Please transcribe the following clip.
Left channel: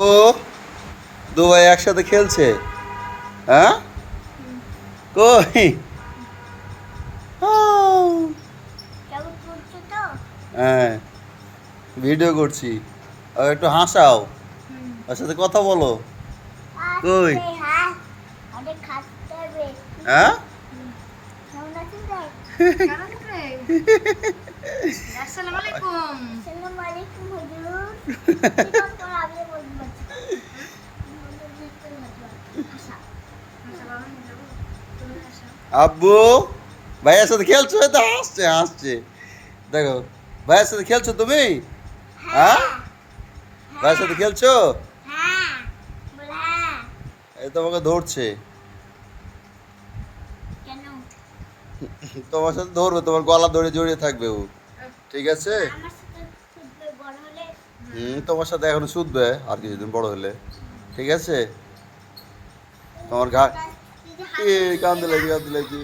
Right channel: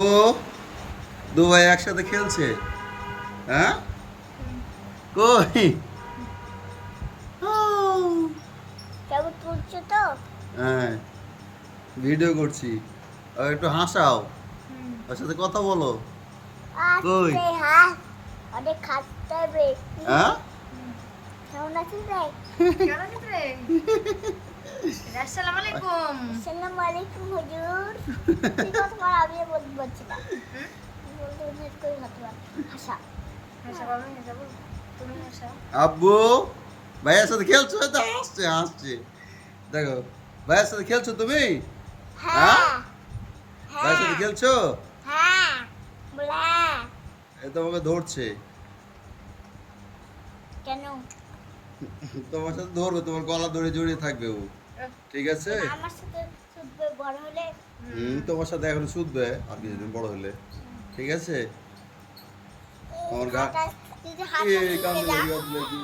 ও দু ভাই একসাথে খেলছে। হ্যাঁ কই? আউ। কেমন তুলছো তো? হ্যাঁ ভিডিও করছি। আর একটু হাসাও, হুম। ওর সাথে কথা বলো। কই? আজকে হাত অনেক খাটতে হবে। হ্যাঁ হুম। কেমন আছেন ভাই? কেন রে? আসসালামু আলাইকুম। আসসালামু আলাইকুম হুজুর। কি কথা বল আমি বলতে পারছি না। হুম? বলতে বলতে কই হাত হাসা। হাসা বাবা নিয়ে যাবো। তুমি হাসাও। আব্বু ভাইয়ের সাথে খেলছো? এই তো হাসছে হাসছে, দেখো ভাইয়ের সাথে খেলছো তুমি? হ্যাঁ হ্যাঁ ভাইয়ের সাথে খেলছো? হ্যাঁ বলে হ্যাঁ। এই তোমাকে ধরছে, কেন? তোমার সাথে ধরবে, তোমার গলা ধরে জড়িয়ে থাকবে ও। ঠিক আছে? আমার সাথে শুধু বড় হলে তোমার সাথে এখন শুধবে আর কিছুদিন বড় হলে। ঠিক আছে? আমার ঘা তুই যে হাত এ কান্দে লাগছে কান্দে লাগছে।